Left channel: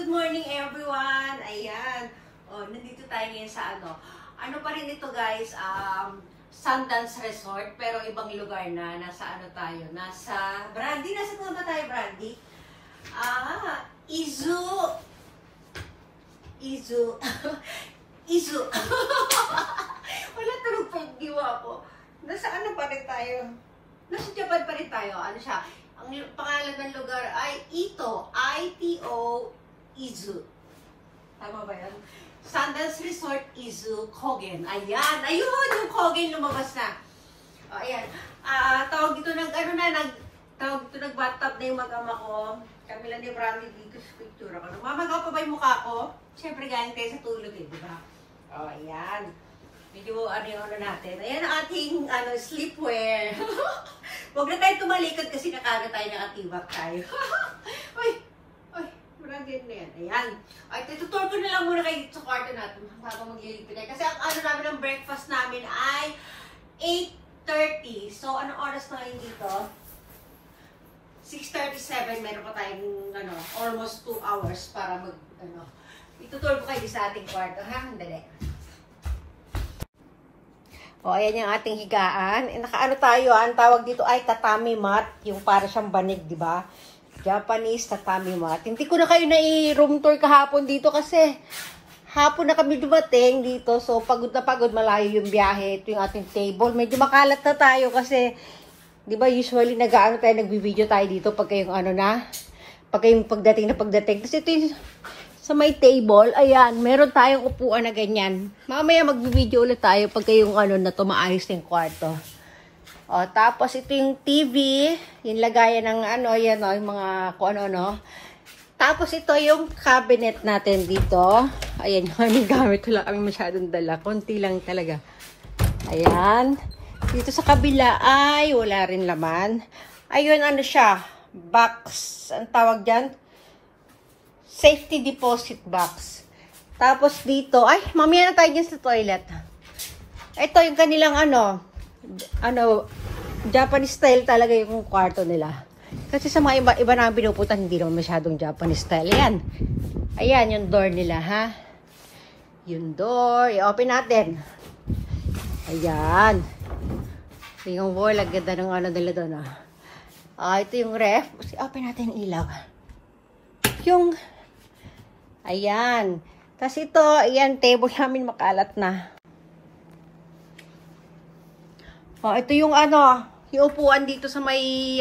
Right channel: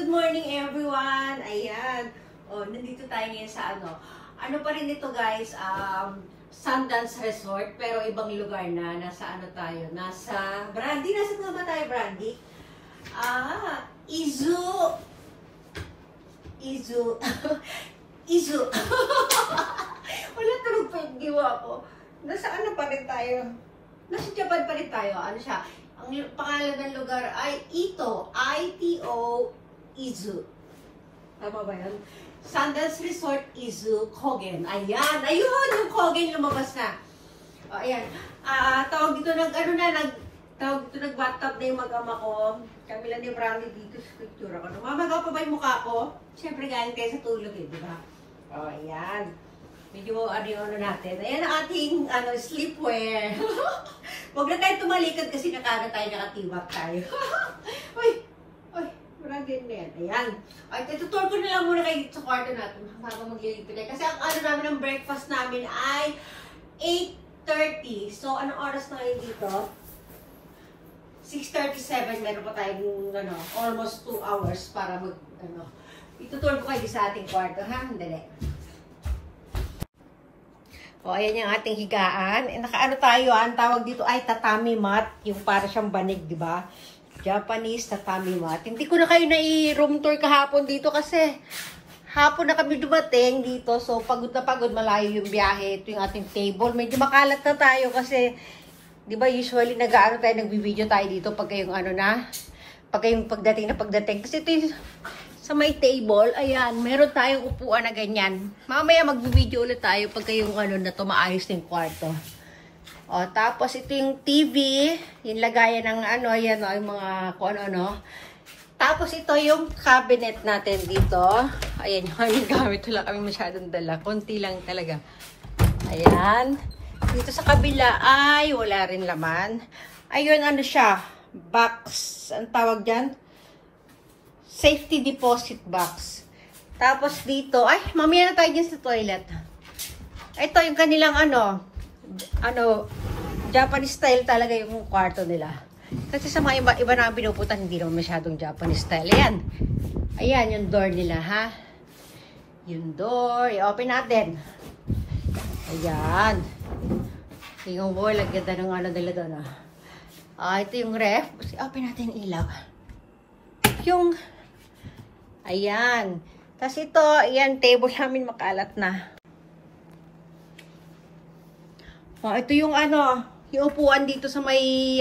Good morning everyone! Ayan. O, nandito tayo ngayon sa ano pa rin ito guys, Sundance Resort, pero ibang lugar na. Nasa ano tayo? Nasa Brandy. Nasa po ba tayo, Brandy? Izu. Wala tulog pa yung diwa ko. Nasa ano pa rin tayo? Nasa Japan pa rin tayo. Ano siya? Ang pangalan ng lugar ay Ito. I-T-O Izu. Tama ba yan? Sundance Resort Izu Kogen. Ayan. Ayun! Yung Kogen lumabas na. O, ayan. Tawag dito tawag dito nag-bathtub na yung mag-ama ko. Kami lang ni Brandy dito sa picture ako. Mamagaw pa ba yung mukha ko? Siyempre galing tayo sa tulog eh, di ba? O, ayan. Medyo ano natin. Ayan ang ating sleepwear. Huwag na tayo tumalikod kasi nakatibak tayo. Uy! Marami na yan. Ayan. Ay, tutur ko na lang muna kayo dito sa kwarto natin bago magliligpit na. Kasi ang namin ng breakfast namin ay 8:30. So, anong oras na ngayon dito? 6:37. Meron pa tayong almost 2 hours para itutur ko kayo sa ating kwarto. Ha? Dali. O, ayan yung ating higaan. Nakaano tayo, ang tawag dito ay tatami mat. Yung para siyang banig, di ba? Japanese tatami mat. Hindi ko na kayo na-room tour kahapon dito kasi hapon na kami dumating dito. So, pagod na pagod, malayo yung biyahe. Ito yung ating table. Medyo makalat na tayo kasi, di ba, usually nagbibideo tayo dito pag kayong pag kayong pagdating. Kasi ito yung sa may table, ayan, meron tayong upuan na ganyan. Mamaya magbibideo ulit tayo pag kayong na maayos yung kwarto. O, tapos ito yung TV, yung lagayan ng ayan yung mga kung ano. Tapos ito yung cabinet natin dito. Ayan, yung gamit wala kami masyadong dala. Konti lang talaga. Ayan. Dito sa kabila ay wala rin laman. Ayun, siya, box. Ang tawag dyan? Safety deposit box. Tapos dito, ay, mamaya na tayo dyan sa toilet. Ito yung kanilang Japanese style talaga yung kwarto nila. Kasi sa mga iba na pinuputan, hindi naman masyadong Japanese style. Ayan. Ayan yung door nila, ha? Yung door. I-open natin. Ayan. Yung wall, ang ganda ng nila doon, ito yung ref. I-open natin yung ilaw. Ayan. Tapos ito, ayan, table namin makalat na. O, ito yung yung upuan dito sa may,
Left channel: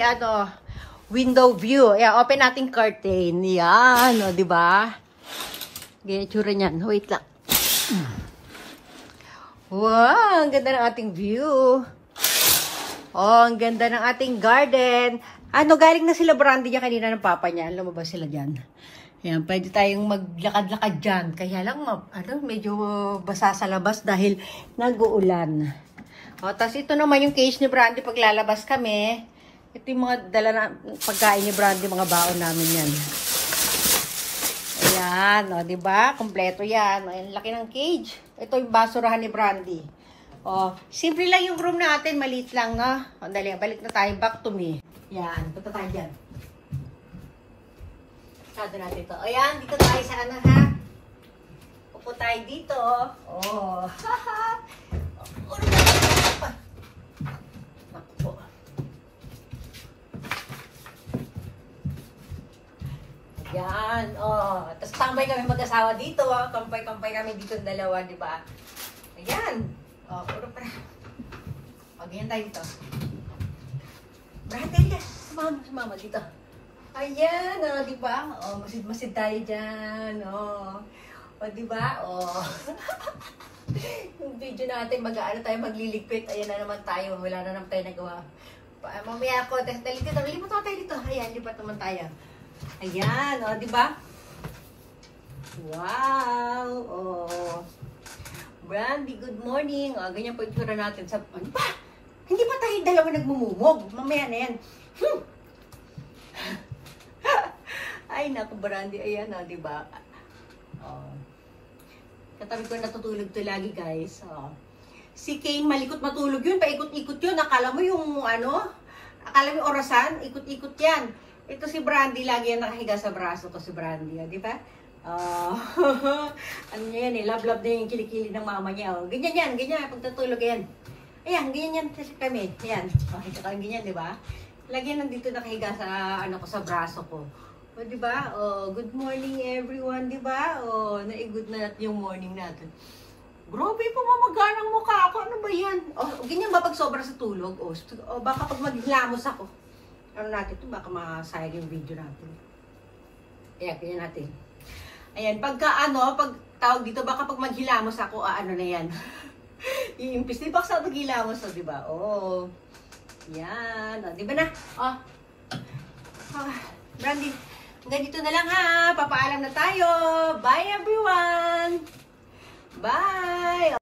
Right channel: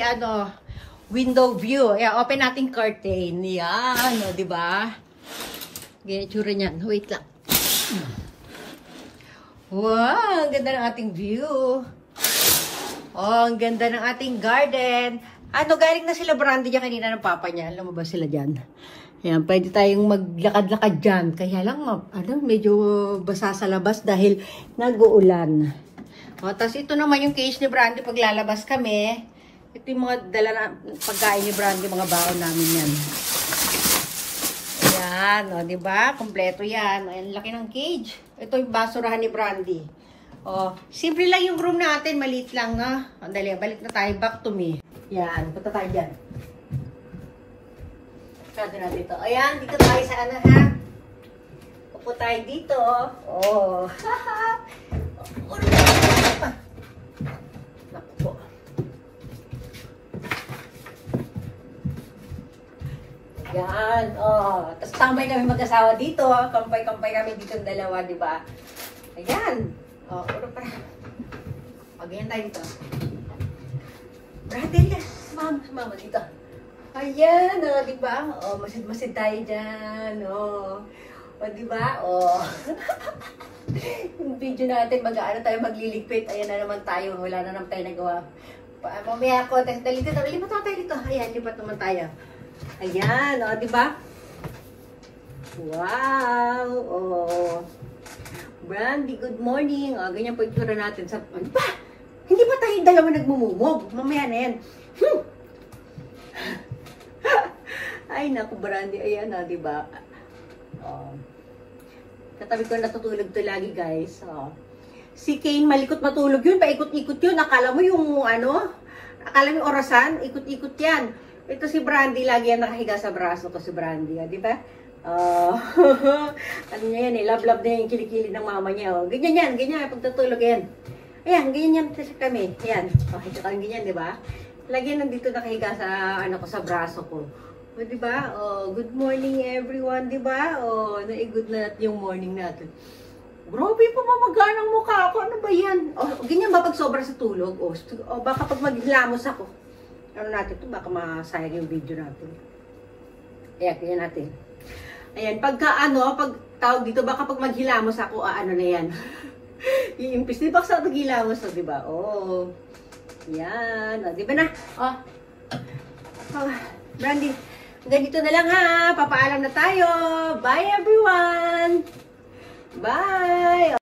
window view. Ayan, open natin curtain. Yan, di ba? Ganyan tsura niyan. Wait lang. Wow, ang ganda ng ating view. Oh, ang ganda ng ating garden. Galing na sila Brandy niya kanina ng papa niya. Lumabas sila dyan. Ayan, pwede tayong maglakad-lakad dyan. Kaya lang, medyo basa sa labas dahil nag-uulan. O, tapos ito naman yung cage ni Brandy pag lalabas kami. Ito yung mga dala na pagkain ni Brandy, mga baon namin yan. Yan, diba? Kompleto yan. Ayan, laki ng cage. Ito yung basurahan ni Brandy. O, simple lang yung room natin. Maliit lang, na. O, dali, balik na tayo. Back to me. Yan, punta tayo dyan. Kado natin ito. Ayan, dito tayo sa ha? Upo tayo dito. Oh, haha. Naku po. Yan, tapos tambay kami mag-asawa dito. Kampay-kampay kami dito ng dalawa, di ba? Ayan. Uro pa. Ganyan tayo dito. Brother, sumama dito. Ayan, di ba? Masid-masid tayo dyan. Di ba? Yung video natin, tayo magliligpit. Ayan na naman tayo. Wala na naman tayo nagawa. Mamaya ako, lipat tayo dito. Ayan, lipat naman tayo. Ayan, di ba? Wow! Brandy, good morning. Ganyan po yung tura natin. Di ba? Hindi ba tayo dalawa nagmumumog? Mamaya na yan. Ay, naku, Brandy. Ayan, di ba? Katabi ko natutulog to lagi, guys. Si Kane, malikot matulog yun. Paikot-ikot yun. Akala mo yung akala mo yung orasan, ikot-ikot yan. Ito si Brandy, lagi yan nakahiga sa braso ko si Brandy. Di ba? Oh, ano niya yan eh, love-love na yung kilikili ng mama niya. Oh. Ganyan yan, pagtutulog yan. Ayan, ganyan kami. Ayan, okay, ka lang ganyan, di ba? Lagi nandito nakahiga sa, ano ko, sa braso ko. O, di ba? Oh, good morning everyone, di ba? Oh, naigood na natin yung morning natin. Grabe pa mamagaan ang mukha ko. Ano ba yan? O, ganyan ba pag sobra sa tulog? O baka pag maghilamos ako. Ano natin ito? Baka masayang yung video natin. Ayan, ganyan natin. Ayan, pag tawag dito, baka pag maghilamos ako, ano na yan. Iimpis. Di ba sa maghilamos, di ba? Oh. Yan. O, di ba na? Oh. Brandy, ganito na lang ha. Papaalam na tayo. Bye everyone. Bye.